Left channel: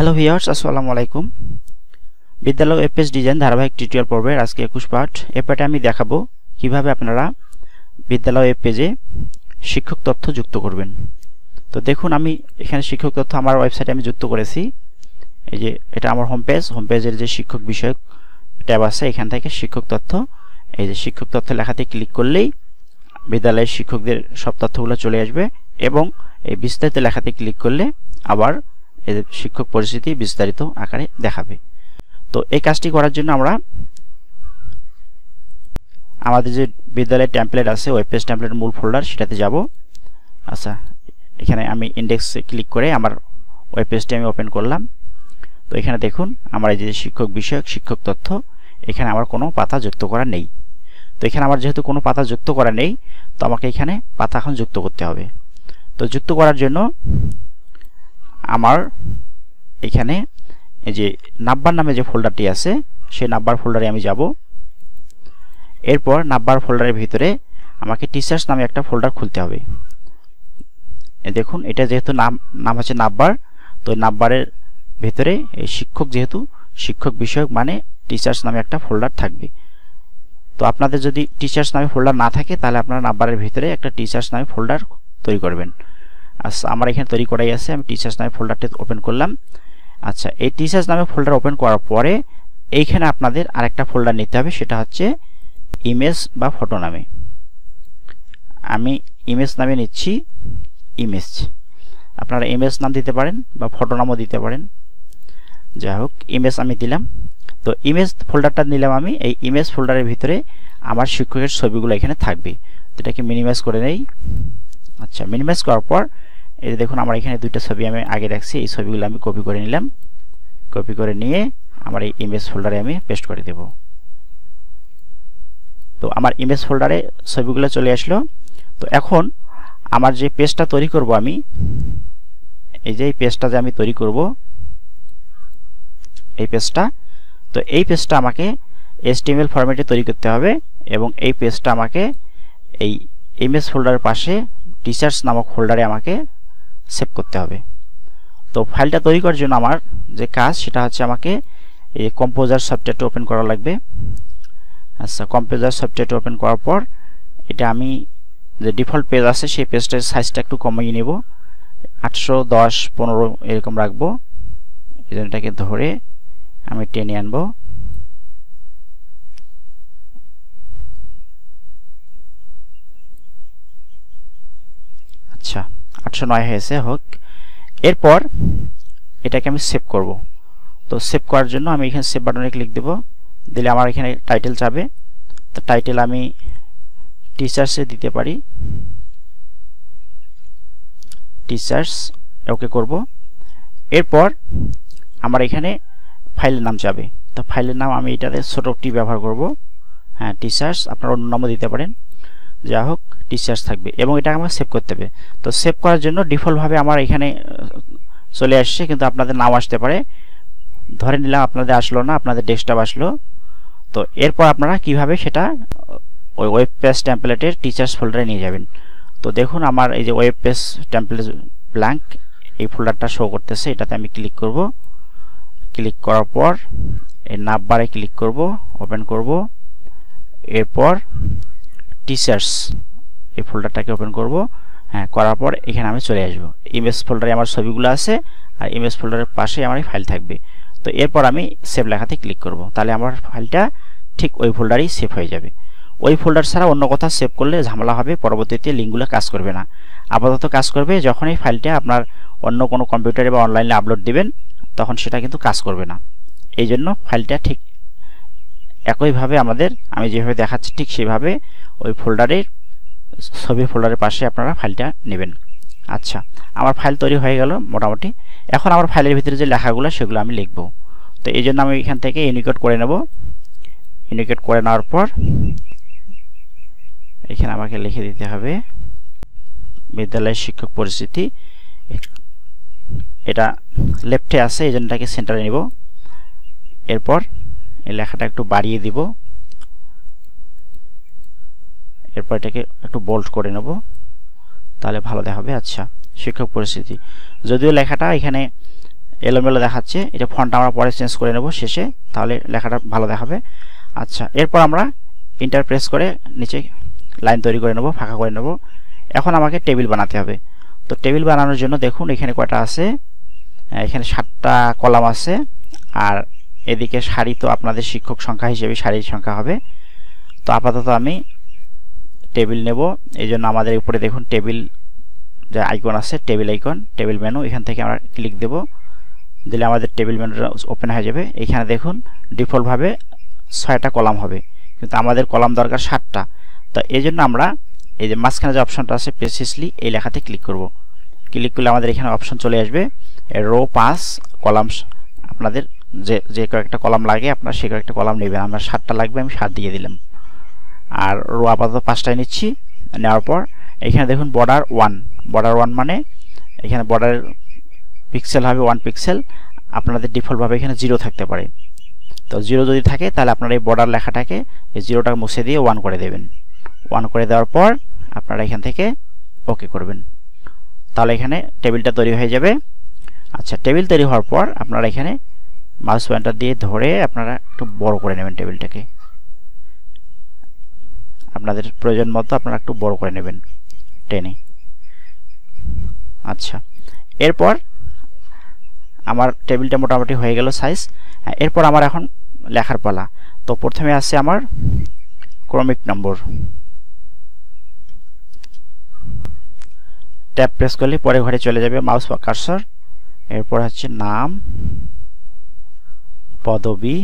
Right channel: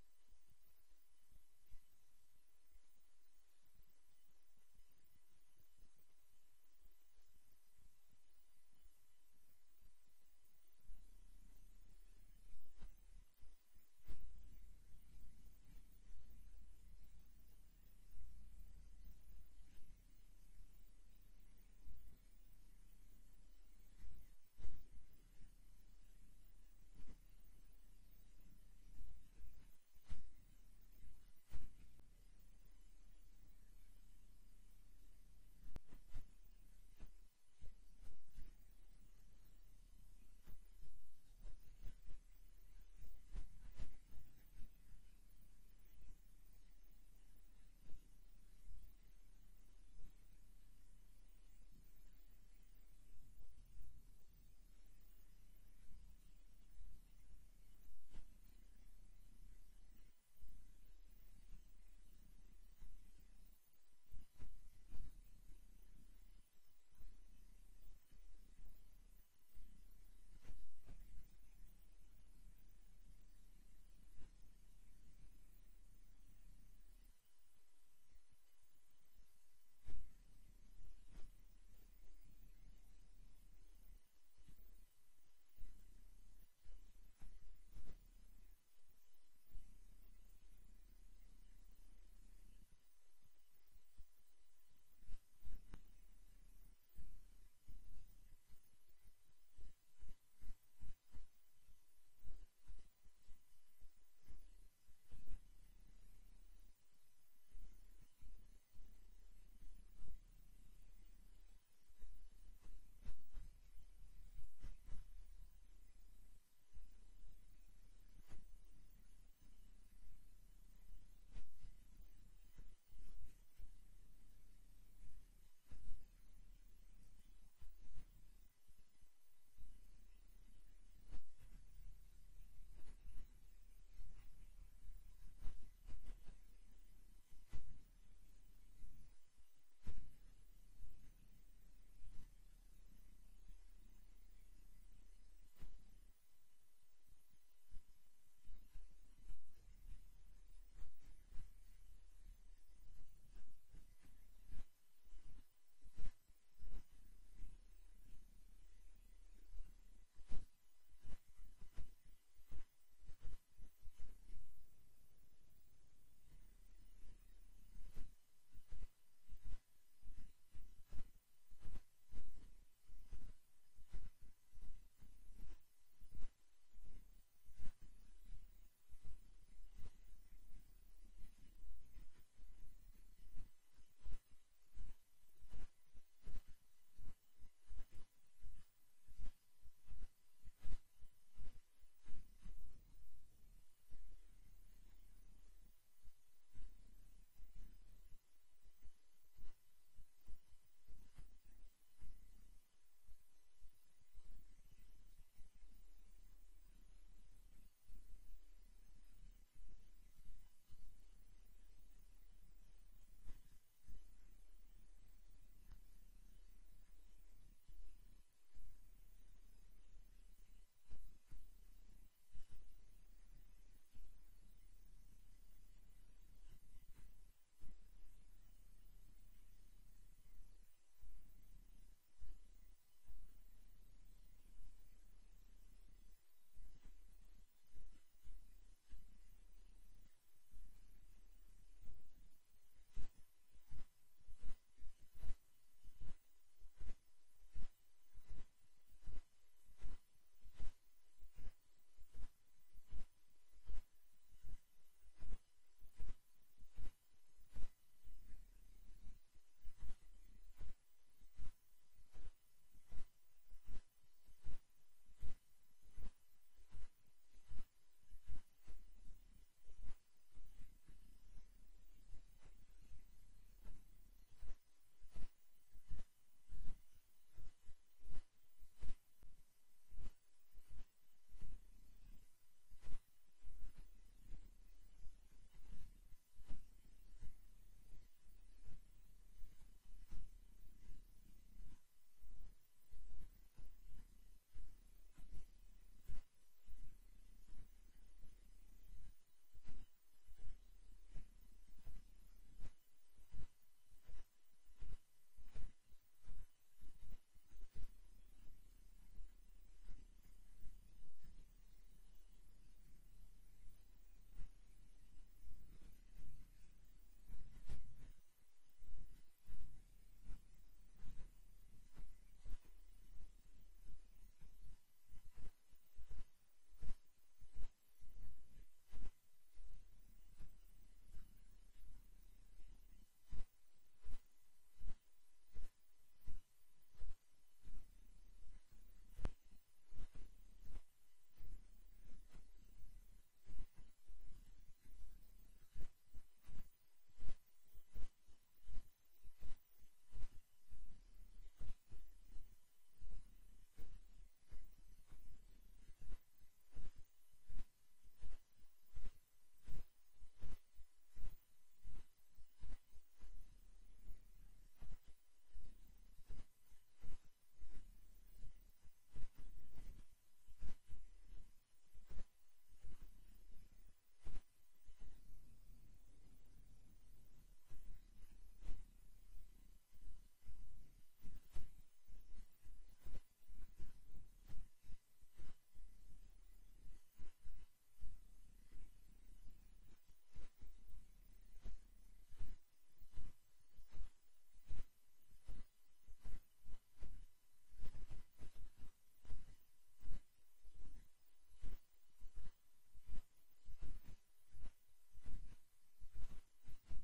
Hello viewers, আসসালামু আলাইকুম। বিদ্যালয় ওয়েব পেজ ডিজাইন ধারাবাহিক টিউটোরিয়াল পর্বের আজকে 21 পার্ট। এই পার্টে আমি দেখাবো কিভাবে আপনারা বিদ্যালয় ওয়েব পেজে শিক্ষক তথ্য যুক্ত করবেন। তো দেখুন, আমি এখানে শিক্ষক তথ্য আমার ওয়েবসাইটে আমি যুক্ত করেছি। এই যে এটা আমার হোম পেজের যে শিক্ষক বিষয়ক ট্যাব আছে, এখান থেকে শিক্ষক তথ্য, এই যে শিক্ষক তথ্য লেখাতে ক্লিক করলেই বিদ্যালয়ের শিক্ষকদের সব তথ্যগুলো চলে আসবে এবং এই বিস্তারিত লেখাতে ক্লিক করলে আবার এই শিক্ষক পরিচিতি বিস্তারিত আকারে দেখাবে। তো এই কাজটি করার জন্য আমরা আমাদের যে বিদ্যালয়ের টেমপ্লেট আছে, ওয়েব পেজ টেমপ্লেট মূল ফোল্ডার, সেটাতে যাব। আচ্ছা, এখানে আমি ইন্ডেক্সে ক্লিক করে আমার ওয়েব পেজটি আমি ওপেন করলাম। তো এখানে দেখুন আমার এই যে শিক্ষক বিষয়ক শিক্ষক তথ্য, এখানে আমার কোনো পাতা যুক্ত করা নেই। তো এখানে আমার যেহেতু কোনো পাতা যুক্ত করা নেই, তো আমাকে এখানে পাতা এখন যুক্ত করতে হবে। তো যুক্ত করার জন্য আমার এখানে এই যে নাম্বার নামে যে ফোল্ডারটি আছে, সেই নাম্বার ফোল্ডারে আমি যাব। এরপর নাম্বার ফোল্ডারের ভিতরে আমাকে টিচার্স নামে একটা ফোল্ডার খুলতে হবে। দেখুন, এটা যেহেতু নাম হচ্ছে নাম্বার, তো নাম্বারের ভিতরে এই শিক্ষক, যেহেতু শিক্ষক বিষয়ক মানে টিচার্স নামে একটা ফোল্ডার থাকবে। তো আপনাদের যদি টিচার্স নামে ফোল্ডার না থাকে, তাহলে আপনারা নাম্বারের ভিতরে একটা টিচার্স নামে ফোল্ডার তৈরি করবেন। আচ্ছা, আমার এখানে তৈরি করাই আছে, আমি টিচার্স নামে ফোল্ডারটি ওপেন করলাম। আচ্ছা, এই টিচার্স নামে ফোল্ডার ওপেন করার পরে এইখানে আপনাদের আরেকটা ফোল্ডার নিতে হবে, সেটা হচ্ছে ইমেজ বা ফটো নামে। আমি ইমেজ নামে নিচ্ছি। ইমেজ, আপনারা ইমেজ নাম দিতে পারেন বা ফটো নামও দিতে পারেন। যাই হোক, ইমেজ আমি দিলাম। তো ইমেজ ফোল্ডারটা নিলাম আমি। এই ইমেজ ফোল্ডারের ভিতরে আমার শিক্ষকের ছবিগুলো এখানে থাকবে। তো এটাকে মিনিমাইজ করে নেই। আচ্ছা, মিনিমাইজ করার পর এই দেখুন আমার এখানে দুইটা ছবি আমি আগে রাখছি, এই ছবিগুলো আমি কপি করে নিলাম। কপি করে নিয়ে আমার এই ইমেজ ফোল্ডারে আমি পেস্ট করে দেব। তো আমার ইমেজ ফোল্ডারে ছবিগুলো চলে আসলো। তো এখন আমার যে পেজটা তৈরি করব আমি, এই যে পেজটা যে আমি তৈরি করব, এই পেজটা, তো এই পেজটা আমাকে HTML ফরম্যাটে তৈরি করতে হবে এবং এই পেজটা আমাকে এই ইমেজ ফোল্ডারের পাশে টিচার্স নামক ফোল্ডারে আমাকে সেভ করতে হবে। তো ফাইলটা তৈরি করার জন্য আমার যে কাজ, সেটা হচ্ছে আমাকে এই কম্পোজার সফটওয়্যারটা ওপেন করা লাগবে। আচ্ছা, কম্পোজার সফটওয়্যারটা ওপেন করার পর এটা আমি যে ডিফল্ট পেজ আছে, সেই পেজটার সাইজটা একটু কমিয়ে নেব, 810-15 এরকম রাখবো। এটাকে ধরে আমি টেনে আনবো। আচ্ছা, 809 হয়েছে, হোক। এরপর এটাকে আমি সেভ করব। তো সেভ করার জন্য আমি এখানে সেভ বাটনে ক্লিক দেব। দিলে আমার এখানে টাইটেল যাবে। তো টাইটেল আমি টিচার্সে দিতে পারি, টিচার্স, ওকে করব। এরপর আমার এখানে ফাইলের নাম যাবে। তো ফাইলের নাম আমি এটাতে ছোট টি ব্যবহার করব। হ্যাঁ, টিচার্স, আপনারা অন্য নামও দিতে পারেন, যা হোক টিচার্স থাকবে এবং এটা আমাকে সেভ করতে হবে। তো সেভ করার জন্য ডিফল্টভাবে আমার এখানে চলে আসছে, কিন্তু আপনাদের নাও আসতে পারে। ধরে নিলাম আপনাদের আসলো না, আপনাদের ডেস্কটপ আসলো। তো এরপর আপনারা কিভাবে সেটা ওই ওয়েব পেজ টেমপ্লেটের টিচার্স ফোল্ডারে নিয়ে যাবেন। তো দেখুন আমার এই যে ওয়েব পেজ টেমপ্লেট ব্ল্যাঙ্ক, এই ফোল্ডারটা শো করতেছে। এটাতে আমি ক্লিক করব। ক্লিক করার পর এই নাম্বারে ক্লিক করব, ওপেন করব। এরপর টিচার্স এই ফোল্ডারটাকে ওপেন করব। হ্যাঁ, করার পর এখানে আমি চলে আসব। ইমেজ ফোল্ডারে আমার ছবিগুলো আছে আর ইমেজ ফোল্ডারের পাশে আমার ফাইল থাকবে। তো এরপর আমি সেভ লেখাতে ক্লিক করব। তাহলে আমার ফাইলটা ঠিক ওই ফোল্ডারেই সেভ হয়ে যাবে। ওই ফোল্ডার ছাড়া অন্য কোথাও সেভ করলে ঝামেলা হবে, পরবর্তীতে লিঙ্কগুলো কাজ করবে না। আপাতত কাজ করবে যখন এই ফাইলটা আপনার অন্য কোনো কম্পিউটারে বা অনলাইনে আপলোড দিবেন, তখন সেটা কিন্তু কাজ করবে না। এই জন্য ফাইলটা ঠিক একইভাবে আমাদের, আমি যেভাবে দেখাচ্ছি ঠিক সেভাবে ওই ফোল্ডারের ছবি ফোল্ডারের পাশে আপনারা ফাইলটা নেবেন। আচ্ছা, আমার ফাইল তৈরি হয়ে গেল মোটামুটি। এখন আমার ফাইলের ভিতরে যে লেখাগুলো, সেগুলো আমি লিখব। তো এই জন্য আমি এখান থেকে ইউনিকোড করে নেব। ইউনিকোড করে নেওয়ার পর এখানে আমাকে লিখে দিতে হবে বিদ্যালয়ের শিক্ষক পরিচিতি। এটা লেফটে আছে, এই জন্য এটাকে সেন্টারে নিব। এরপর এই লেখাটা একটু বাড়িয়ে দিব। এরপর এটাকে একটু বোল্ড করে নেব, তাহলে ভালো দেখাবে। আচ্ছা, শিক্ষক পরিস্থিতি, যদিও লেখাটা এখানে এলোমেলো দেখাচ্ছে, এটা ফন্ট আমরা পরে চেঞ্জ করে নেব শেষে, তাহলে লেখাটা ভালো দেখাবে। আচ্ছা, এরপর আমরা এন্টার প্রেস করে নিচে লাইন তৈরি করে নেব, ফাঁকা করে নেব। এখন আমাকে টেবিল বানাতে হবে। তো টেবিল বানানোর জন্য দেখুন এখানে কয়টা আছে, এখানে 7টা কলাম আছে, আর এদিকে সারি তো আপনাদের শিক্ষক সংখ্যা হিসেবে সারির সংখ্যা হবে। তো আপাতত আমি টেবিল নেব, এই জন্য আমাদের উপরে দেখুন টেবিল যে আইকন আছে, টেবিল আইকন, টেবিল মেনু, এখান থেকে আমরা ক্লিক দেব, দিলে আমাদের টেবিল মেনুটা ওপেন হয়ে যাবে। এখানে দেখুন ডিফল্টভাবে 6টা কলাম হবে, কিন্তু আমাদের কলাম দরকার 7টা। তো এই জন্য আমরা এই যে মাঝখানে যে অপশনটা আছে প্রিসিসলি, এই লেখাতে ক্লিক করব। ক্লিক করলে আমাদের এখানে অপশন চলে আসবে রো 5 কলাম। আপনাদের যে কয়েকটা কলাম লাগে আপনারা সে কয়েকটা কলাম নেবেন। আমার 7টা লাগবে, আমি 7 দিয়ে দিলাম। আর রো আপাতত 5টাই নিচ্ছি। নেওয়ার পর এখানে দেখুন বর্ডার 1 মানে এখানে বর্ডার পিক্সেল হবে 1 পিক্সেল। আপনাদের ডিফল্টভাবে এখানে 0 থাকতে পারে। তো 0 যদি থাকে তাহলে আপনারা এই বর্ডার লেখাটাকে এই 0টা মুছে দিয়ে 1 করে দেবেন। 1 করে দেওয়ার পর আপনারা এখান থেকে ওকে করবেন, তাহলে এখানে টেবিলটা তৈরি হয়ে যাবে। আচ্ছা, টেবিল তৈরি হওয়ার পর আপনারা এখানে মাউস পয়েন্টার দিয়ে ধরে আপনারা একটু বড় করে নেবেন টেবিলটাকে, আপনাদের প্রয়োজন মতো আপনারা একটু বড় করে নেবেন টেনে। আচ্ছা, এরপর আমার টেবিলটা মোটামুটি হয়ে গেল সাইজ। এরপর আমার এখন লেখার পালা। তো প্রথমে আছে আমার ক্রমিক নম্বর, ট্যাব প্রেস করলে পরে ঘরে চলে যাবে মাউস বা কার্সর। এরপর হচ্ছে নাম, পদবি,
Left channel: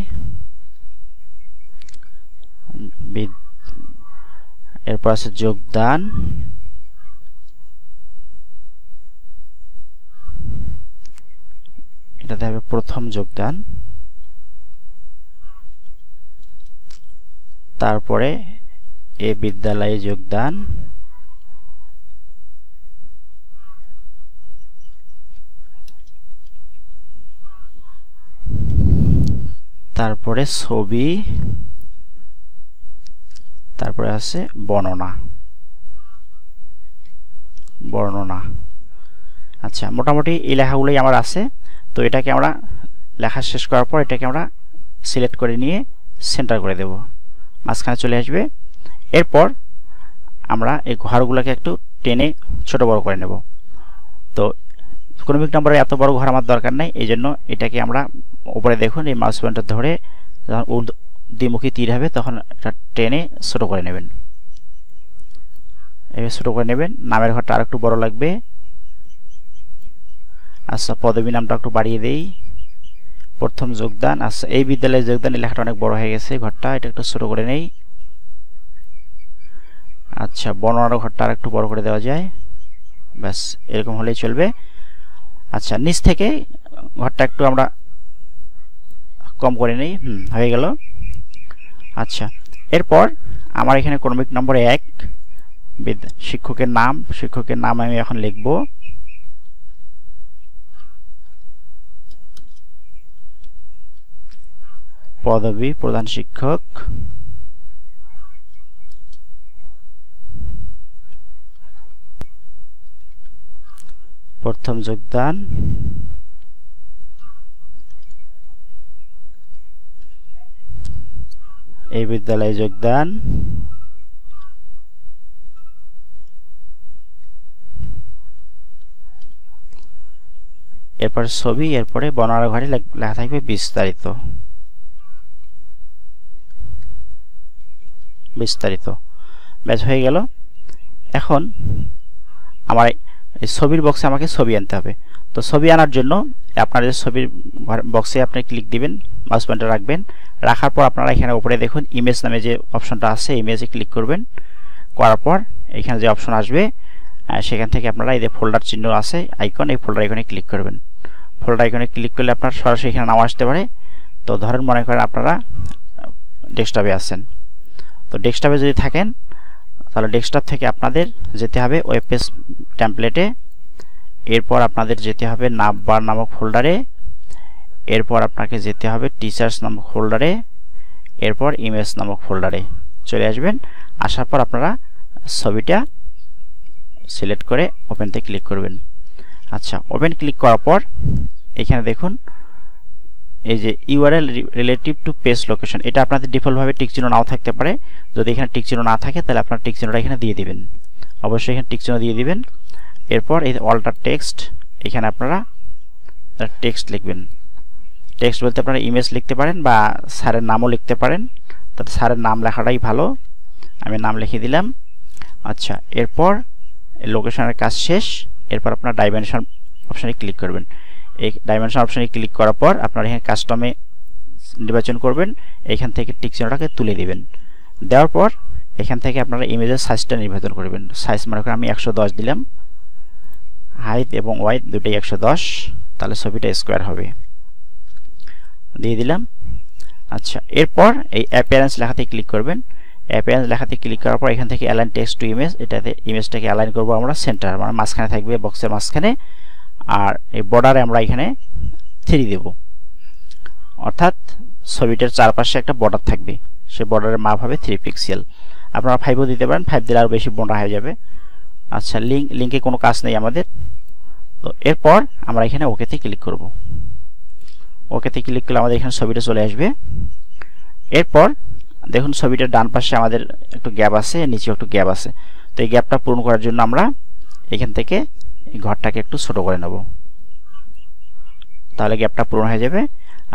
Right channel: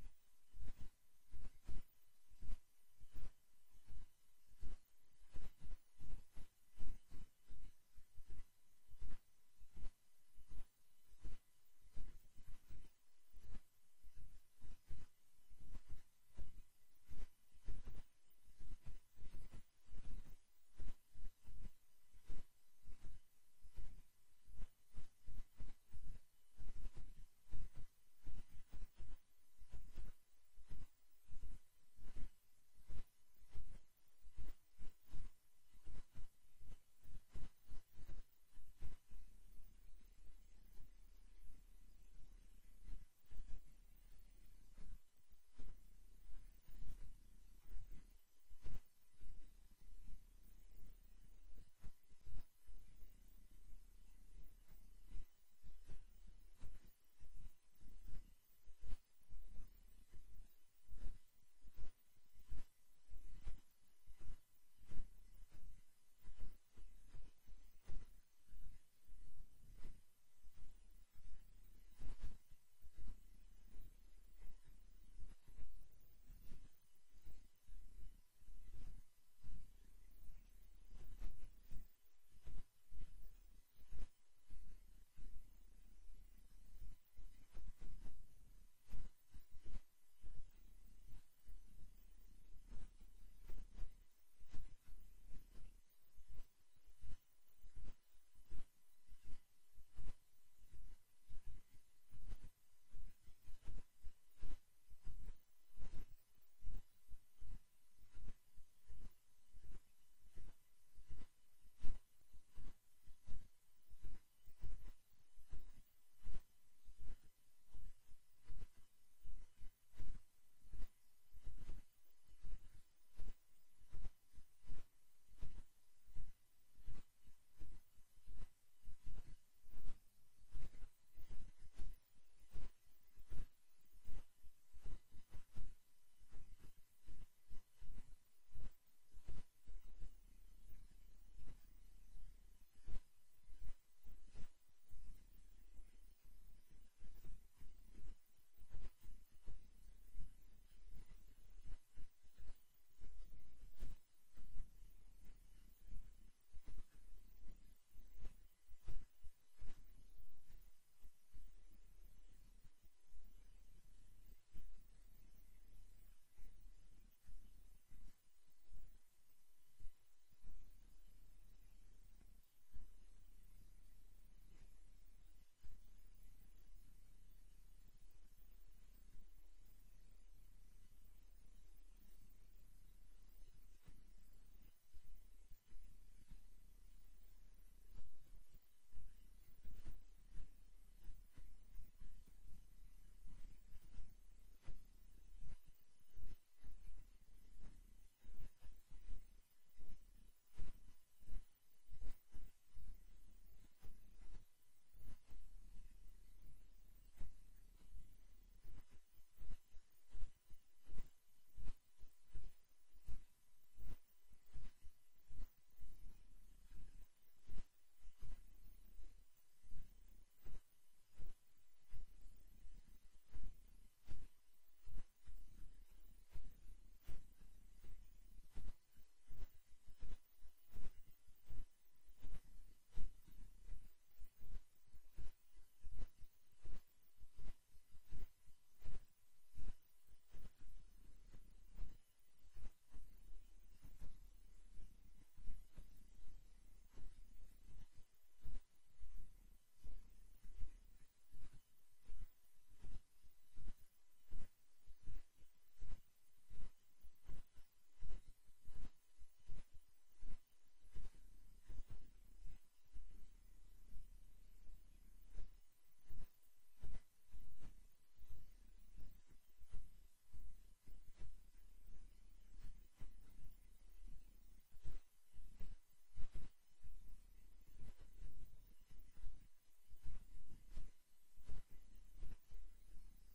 এরপর আছে যোগদান, এটাতে হবে প্রথম যোগদান, তারপরে এ বিদ্যালয়ে যোগদান, তারপরে ছবি, তারপরে আছে বর্ণনা। আচ্ছা, মোটামুটি এই লেখাগুলোই আমার আছে। তো এটাকে আমরা লেখা শেষ করার পর এটাকে আমরা সিলেক্ট করে নিয়ে সেন্টার করে দেব, মাঝখানে চলে আসবে। এরপর আমরা এই ঘরগুলোকে একটু টেনে ছোট বড় করে নেব। তো ক্রমিক নম্বরের এত বড় ঘর আমার দরকার নাই, এই জন্য এটাকে আমরা উপরে দেখুন এই মাউস পয়েন্টার ধরে যখন দ্বিমুখী তীর হবে তখন এটা টেনে ছোট করে নেবেন, এভাবে ছোট করে নেবেন। নামের ঘরটা আর একটু বড় লাগবে। আচ্ছা, পদবী নামটা একটু বাড়িয়ে দেই, প্রথম যোগদান। আচ্ছা, এই বিদ্যালয়ে যোগদান, এই লেখাটা অনেক বড় হয়ে গেছে ঘরটা, এটা একটু ছোট করে নেই। আচ্ছা, বর্ণনার ঘরটা আর একটু বড় করে দেওয়া যায়, ব্যাস এরকম হলেই চলবে। আচ্ছা, নিচ থেকে ঘরটা একটু আমরা কম করে নেই, হয়ে গেল। আচ্ছা, এরপর আমার এখানে ক্রমিক নম্বর 1 শিক্ষকের নাম আমি এখন লিখব। পদবী প্রধান শিক্ষক, প্রথম যোগদান, এই বিদ্যালয়ে যোগদান, এরপর ছবি, এরপরে বর্ণনার ঘরে লেখা থাকবে বিস্তারিত। ব্যাস হয়ে গেল। এখন আমার এই ছবির বক্সে আমাকে ছবি আনতে হবে। তো ছবি আনার জন্য আপনার ছবির বক্সে আপনি ক্লিক দিবেন, মাউস পয়েন্টার রাখবেন, রাখার পর আপনারা এখানে উপরে দেখুন ইমেজ নামে যে অপশনটা আছে, ইমেজে ক্লিক করবেন। করার পর এখানে যে অপশন আসবে সেখান থেকে আপনারা এই যে ফোল্ডার চিহ্ন আছে আইকন, এই ফোল্ডার আইকনে ক্লিক করবেন। ফোল্ডার আইকনে ক্লিক করলে আপনার সরাসরি এখানে নাম আসতে পারে। তো ধরেন মনে করেন আপনারা ডেস্কটপে আছেন, তো ডেস্কটপে যদি থাকেন তাহলে ডেস্কটপ থেকে আপনাদের যেতে হবে ওয়েব পেজ টেমপ্লেটে, এরপর আপনাদের যেতে হবে নামবার নামক ফোল্ডারে, এরপর আপনাকে যেতে হবে টিচার্স নামক ফোল্ডারে, এরপর ইমেজ নামক ফোল্ডারে চলে আসবেন। আসার পর আপনারা ছবিটা সিলেক্ট করে ওপেনতে ক্লিক করবেন। আচ্ছা, ওপেন ক্লিক করার পর এখানে দেখুন এই যে URL relative to page location, এটা আপনাদের ডিফল্টভাবে টিক চিহ্ন নাও থাকতে পারে। যদি এখানে টিক চিহ্ন না থাকে তাহলে আপনার টিক চিহ্নটা এখানে দিয়ে দিবেন, অবশ্যই এখানে টিক চিহ্ন দিয়ে দিবেন। এরপর এই অল্টার টেক্সট, এখানে আপনারা টেক্সট লিখবেন। টেক্সট বলতে আপনারা ইমেজ লিখতে পারেন বা স্যারের নামও লিখতে পারেন, তাতে স্যারের নাম লেখাটাই ভালো, আমি নাম লিখে দিলাম। আচ্ছা, এরপর লোকেশনের কাজ শেষ। এরপর আপনার ডাইমেনশন অপশানে ক্লিক করবেন। এই ডাইমেনশন অপশানে ক্লিক করার পর আপনারা এখানে কাস্টমে নির্বাচন করবেন, এখান থেকে টিক চিহ্নটাকে তুলে দিবেন। দেওয়ার পর এখান থেকে আপনারা ইমেজের সাইজটা নির্বাচন করবেন। সাইজ মনে করেন আমি 110 দিলাম, হাইট এবং ওয়াইড দুটোই 110, তাহলে ছবিটা স্কোয়ার হবে, দিয়ে দিলাম। আচ্ছা, এরপর এই অ্যাপিয়ারেন্স লেখাতে ক্লিক করবেন। অ্যাপিয়ারেন্স লেখাতে ক্লিক করার পর এখান থেকে অ্যালাইন টেক্সট টু ইমেজ, এটাতে ইমেজটাকে অ্যালাইন করবো আমরা সেন্টার, মানে মাঝখানে থাকবে, বক্সের মাঝখানে। আর এই বর্ডারে আমরা এখানে 3 দেব, অর্থাৎ ছবিটার চারপাশে একটা বর্ডার থাকবে, সে বর্ডারের মাপ হবে 3 পিক্সেল। আপনারা 5ও দিতে পারেন, 5 দিলে আরও বেশি মোটা হয়ে যাবে। আচ্ছা, লিঙ্কে কোনো কাজ নেই আমাদের। তো এরপর আমরা এখানে ওকেতে ক্লিক করব। ওকেতে ক্লিক করলে আমাদের এখানে ছবিটা চলে আসবে। এরপর দেখুন ছবিটার ডান পাশে আমাদের একটু গ্যাপ আছে, নিচে একটু গ্যাপ আছে। তো এই গ্যাপটা পূরণ করার জন্য আমরা এখান থেকে এই ঘরটাকে একটু ছোট করে নেব, তাহলে গ্যাপটা পূরণ হয়ে যাবে।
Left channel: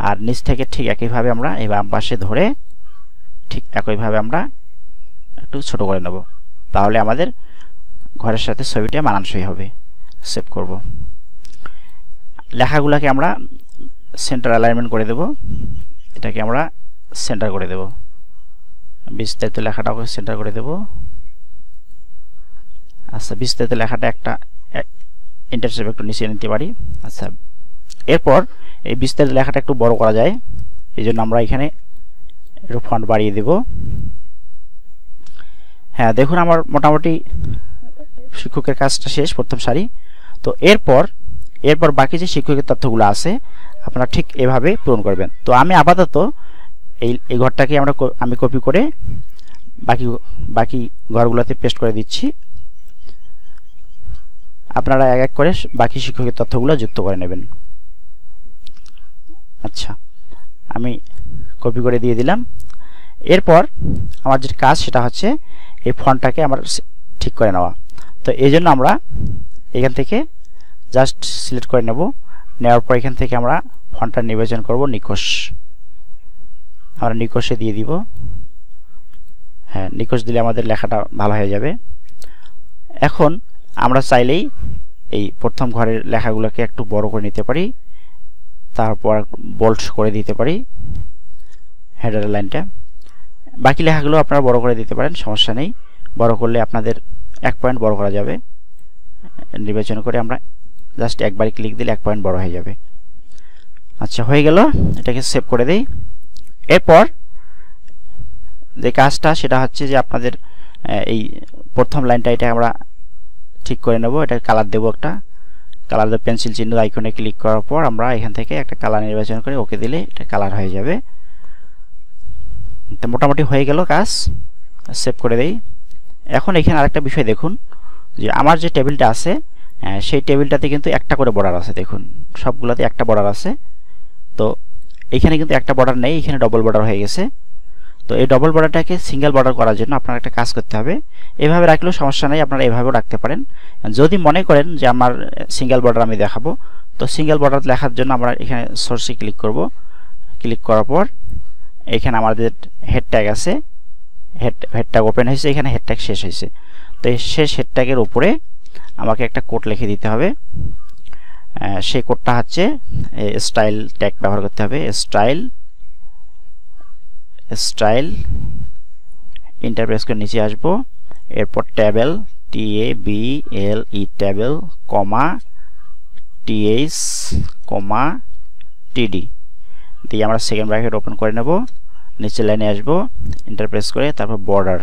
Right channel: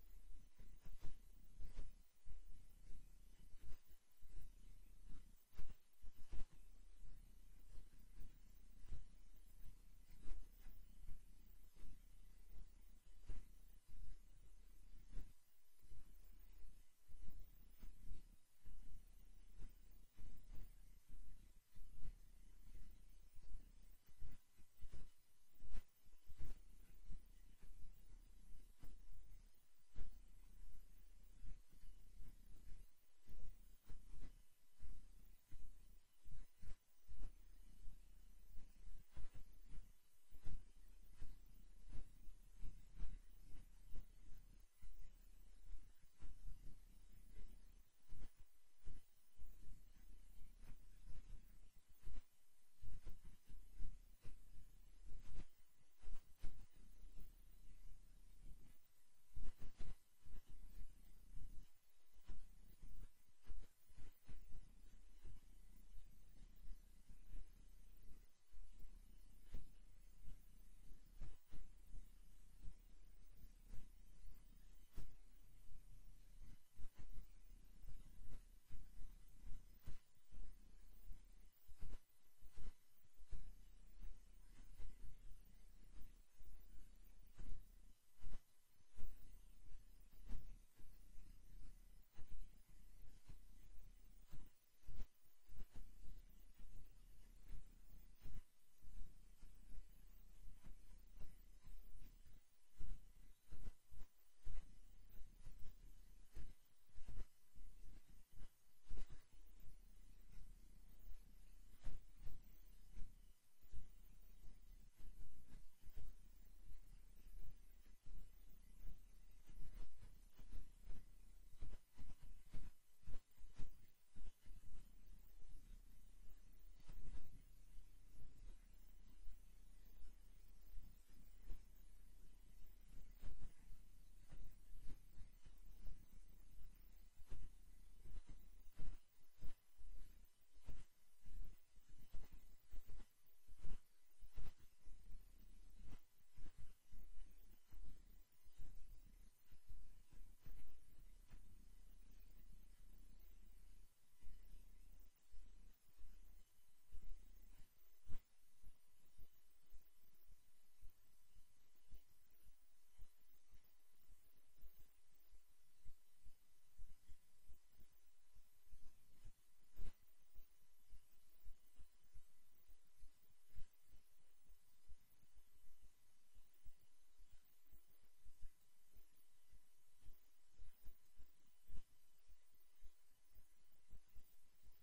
আর নিচ থেকে ঠিক একইভাবে আমরা এই বাম পাশে ধরে ঠিক একইভাবে আমরা একটু ছোট করে নেব, তাহলে আমাদের ঘরের সাথে ছবিটা মানানসই হবে। সেভ করব। লেখাগুলোকে আমরা সেন্টার অ্যালাইনমেন্ট করে দেব, এটাকে আমরা সেন্টার করে দেব, বিস্তারিত লেখাটাকে সেন্টার করে দেব। আচ্ছা, বিস্তারিত লেখাটা একটা ইন্টারসেপ একটু নিচে নিতে পারি। আচ্ছা, এরপর এই বিস্তারিত লেখাটা একটু বড় করা যায়, এই জন্য আমরা এখানে একটু ফন্ট বাড়িয়ে দেব। হ্যাঁ, দেখুন আমার মোটামুটি শিক্ষকের কাজটা শেষ, প্রথম সারি। তো এরপর বাকি যে শিক্ষকের তথ্যগুলো আছে আপনারা ঠিক এভাবে পূরণ করবেন। তো আমি আপাতত এই ঘরটাকে আমি কপি করে বাকি ঘরগুলোতে পেস্ট করে দিচ্ছি। আপনারা এক এক করে বাকি শিক্ষকের তথ্যগুলো যুক্ত করে নেবেন। আচ্ছা, আমি কপি করে দিয়ে দিলাম। এরপর আমার যে কাজ সেটা হচ্ছে এই ফন্টটাকে আমার ঠিক করে নেওয়া। তো এই জন্য আমরা এখান থেকে জাস্ট সিলেক্ট করে নেব, নেওয়ার পর এখান থেকে আমরা ফন্টটা নির্বাচন করব নিকোশ, আমরা নিকোশে দিয়ে দিব। হ্যাঁ, নিকোশ দিলে আমাদের লেখাটা ভালো হয়ে যাবে। এখন আমরা চাইলেই এই প্রথম ঘরের লেখাগুলোকে একটু বড় করে নিতে পারি, তারপর বোল্ড করে দিতে পারি হেডার লাইনটা। বাকি লেখাগুলো আপনারা বড় করে দিতে পারেন, সমস্যা নেই। বড় করলে আপনাদের 1 পয়েন্ট বড় করা যাবে। নির্বাচন করে আমরা জাস্ট একবারই ক্লিক দিলে 1 পয়েন্ট বড় হয়ে যাবে। আচ্ছা, হয়ে গেল, এটাকে সেভ করে দেই। এরপর যে কাজটা সেটা হচ্ছে যে আপনাদের এই প্রথম লাইনটা এটা আমরা ঠিক করে নেব। এটা কালার দেব, একটা কালার দেব, পেন্সিল চিহ্ন আইকনে ক্লিক করার পর আমরা এখান থেকে একটা কালার নির্বাচন করে ওকে দিলে এটা কালার হয়ে যাবে। তো মোটামুটি হয়ে গেল কাজ, সেভ করে দেই। এখন এখানে আরেকটা বিষয় দেখুন, যে আমার যে টেবিলটা আছে সেই টেবিলটাতে কিন্তু একটা করে বর্ডার আছে। দেখুন সবগুলোতে একটা বর্ডার আছে, তো এখানে কিন্তু একটা বর্ডার নেই, এখানে ডবল বর্ডার হয়ে গেছে। তো এই ডবল বর্ডারটাকে সিঙ্গেল বর্ডার করার জন্য আপনার একটা কাজ করতে হবে। এভাবে রাখলেও সমস্যা নেই, আপনারা এভাবেও রাখতে পারেন। যদি মনে করেন যে আমার সিঙ্গেল বর্ডার আমি দেখাবো, তো সিঙ্গেল বর্ডার লেখার জন্য আমরা এখানে সোর্সে ক্লিক করব। ক্লিক করার পর এখানে আমাদের হেড ট্যাগ আছে, হেড ট্যাগ ওপেন হয়েছে, এখানে হেড ট্যাগ শেষ হয়েছে। তো এই শেষ হেড ট্যাগের উপরে আমাকে একটা কোড লিখে দিতে হবে। সেই কোডটা হচ্ছে স্টাইল ট্যাগ ব্যবহার করতে হবে। স্টাইল ইন্টারপ্রেস করে নিচে আসবো, এরপর টেবিল TABLE টেবিল কমা TH কমা TD দিয়ে আমরা সেকেন্ড ব্র্যাকেট ওপেন করে নেব। নিচে লাইনে আসবো, ইন্টারপ্রেস করে তারপর বর্ডার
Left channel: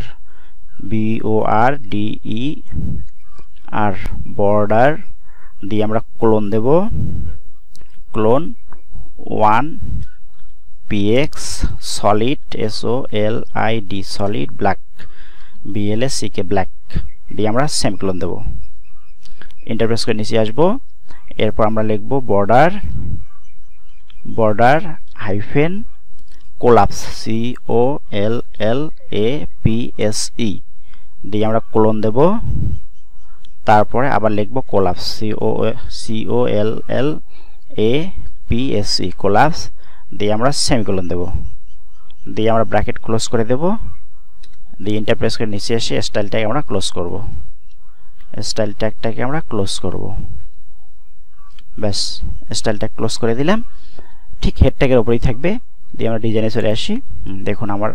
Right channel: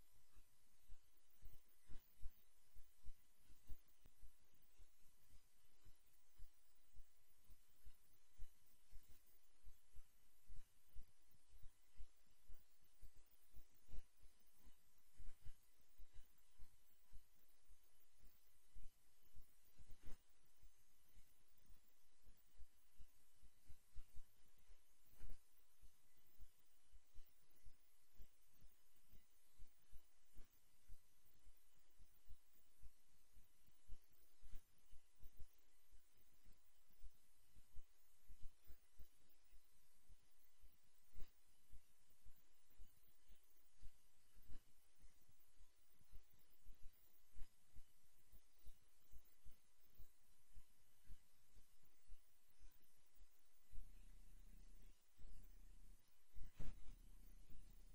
BORDER বর্ডার দিয়ে আমরা ক্লোন দেব, clone 1 PX solid SOLID solid black BLACK black দিয়ে আমরা সেম ক্লোন দেব। ইন্টারপ্রেস করে নিচে আসবো, এরপর আমরা লিখব border border hyphen collapse COLLAPSE দিয়ে আমরা কোলন দেব, তারপরে আবার লিখব কোলাপস COLLAPSE কোলাপস দিয়ে আমরা সেমিকোলন দেব, দিয়ে আমরা ব্র্যাকেট ক্লোজ করে দেব, দিয়ে এন্টার প্রেস করে নিচে এসে স্টাইল ট্যাগ আমরা ক্লোজ করব, স্টাইল ট্যাগটাকে আমরা ক্লোজ করব। ব্যাস স্টাইল ট্যাগ ক্লোজ করে দিলাম, ঠিক হেড ট্যাগের উপরেই থাকবে। দিয়ে আমরা ডিজাইনে চলে আসি। দেখুন আমার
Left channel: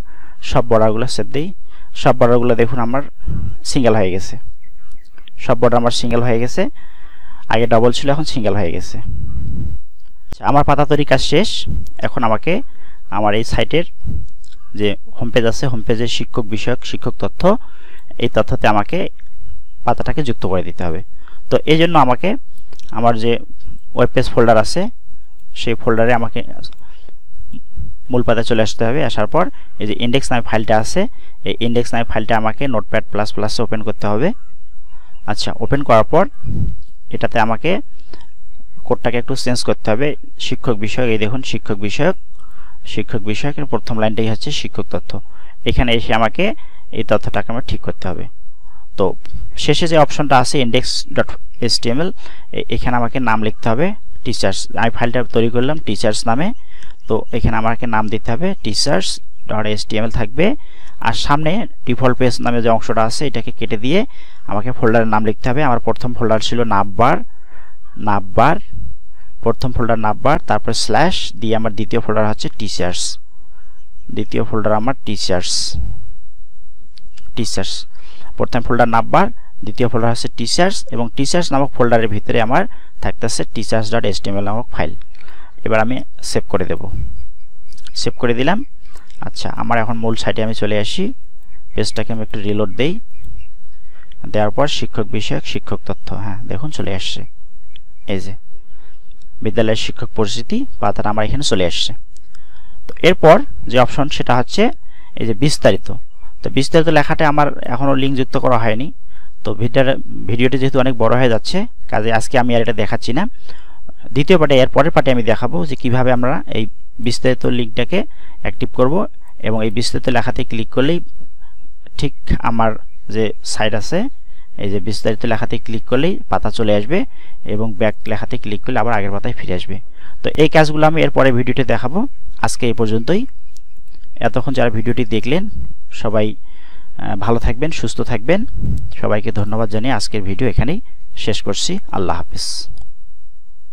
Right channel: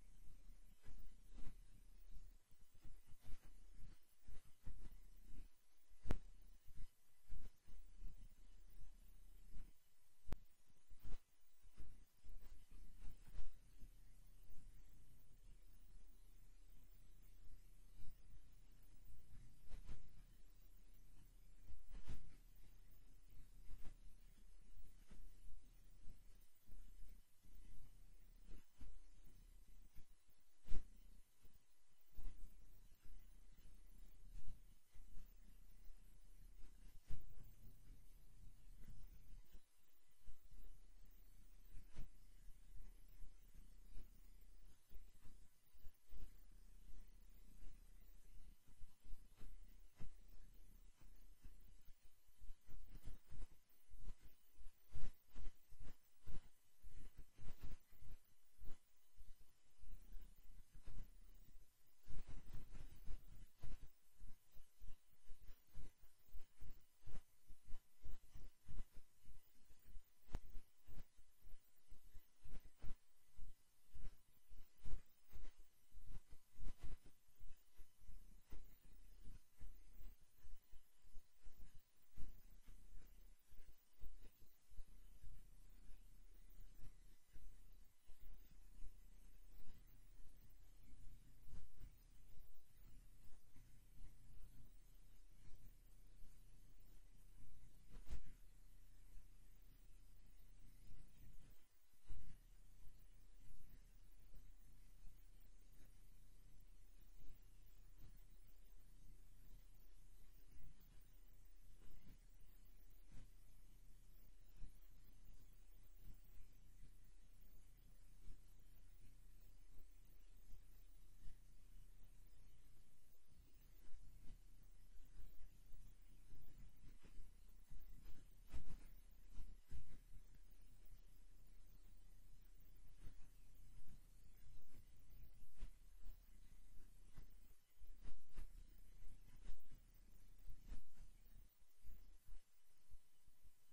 সব বর্ডারগুলো সেভ দিই, সব বর্ডারগুলো দেখুন আমার সিঙ্গেল হয়ে গেছে, সব বর্ডার আমার সিঙ্গেল হয়ে গেছে, আগে ডবল ছিল এখন সিঙ্গেল হয়ে গেছে। আমার পাতা তৈরি কাজ শেষ। এখন আমাকে আমার এই সাইটের যে হোম পেজ আছে, হোম পেজের শিক্ষক বিষয়ক শিক্ষক তথ্য, এই তথ্যতে আমাকে পাতাটাকে যুক্ত করে দিতে হবে। তো এই জন্য আমাকে আমার যে ওয়েব পেজ ফোল্ডার আছে সেই ফোল্ডারে আমাকে মূল পাতায় চলে আসতে হবে। আসার পর এই যে ইন্ডেক্স নামে ফাইলটা আছে, এই ইন্ডেক্স নামে ফাইলটা আমাকে নোটপ্যাড প্লাস প্লাসে ওপেন করতে হবে। আচ্ছা, ওপেন করার পর এটাতে আমাকে কোডটাকে একটু চেঞ্জ করতে হবে। শিক্ষক বিষয়ক, এই দেখুন শিক্ষক বিষয়ক, শিক্ষক বিষয়কের প্রথম লাইনটাই হচ্ছে শিক্ষক তথ্য। এখানে এসে আমাকে এই তথ্যটাকে আমার ঠিক করতে হবে। তো শেষে যে অপশনটা আছে index.html, এখানে আমাকে নাম লিখতে হবে টিচার্স। আমি ফাইলটা তৈরি করলাম টিচার্স নামে, তো এখানে আমাকে নাম দিতে হবে teachers.html থাকবে। আর সামনে ডিফল্ট পেজ নামে যে অংশটা আছে এটাকে কেটে দিয়ে আমাকে ফোল্ডারের নাম লিখতে হবে। আমার প্রথম ফোল্ডার ছিল নাববার, প্রথম ফোল্ডার নাববার, তারপর স্ল্যাশ দিয়ে আমার দ্বিতীয় ফোল্ডার হচ্ছে টিচার্স, দ্বিতীয় ফোল্ডার আমার টিচার্স। প্রথম ফোল্ডার নাববার, দ্বিতীয় ফোল্ডার হচ্ছে টিচার্স, এবং টিচার্স নামক ফোল্ডারের ভিতরে আমার থাকতেছে teachers.html নামক ফাইল। এবার আমি সেভ করে দেব, সেভ করে দিলাম। আচ্ছা, আমার এখন মূল সাইটে আমি চলে আসি, পেজটাকে আমি একটু রিলোড দেই, দেওয়ার পর শিক্ষক বিষয়ক শিক্ষক তথ্য, হ্যাঁ দেখুন চলে আসছে। এই যে বিদ্যালয়ের শিক্ষক পরিচিতি পাতাটা আমার এখানে চলে আসছে। তো এরপর যে অপশন সেটা হচ্ছে এই যে বিস্তারিত। তো বিস্তারিত লেখাটা আমার এখনও লিঙ্ক যুক্ত করা হয়নি। তো ভিডিওটি যেহেতু অনেক বড় হয়ে যাচ্ছে, কাজে আজকে আমি আর এটা দেখাচ্ছি না। দ্বিতীয় পার্টে, এর পরের পার্টে আমি দেখাবো যে কিভাবে আমরা এই বিস্তারিত লিঙ্কটাকে অ্যাক্টিভ করব, এবং এই বিস্তারিত লেখাতে ক্লিক করলেই ঠিক আমার যে সাইট আছে এই যে বিস্তারিত লেখাতে ক্লিক করলেই পাতা চলে আসবে, এবং ব্যাক লেখাতে ক্লিক করলে আবার আগের পাতায় ফিরে আসবে। তো এই কাজগুলো আমি এর পরে ভিডিওতে দেখাবো। আজকে এই পর্যন্তই। এতক্ষণ যারা ভিডিওটি দেখলেন সবাই ভালো থাকবেন, সুস্থ থাকবেন। সবাইকে ধন্যবাদ জানিয়ে আজকের ভিডিও এখানেই শেষ করছি। আল্লাহ হাফেজ।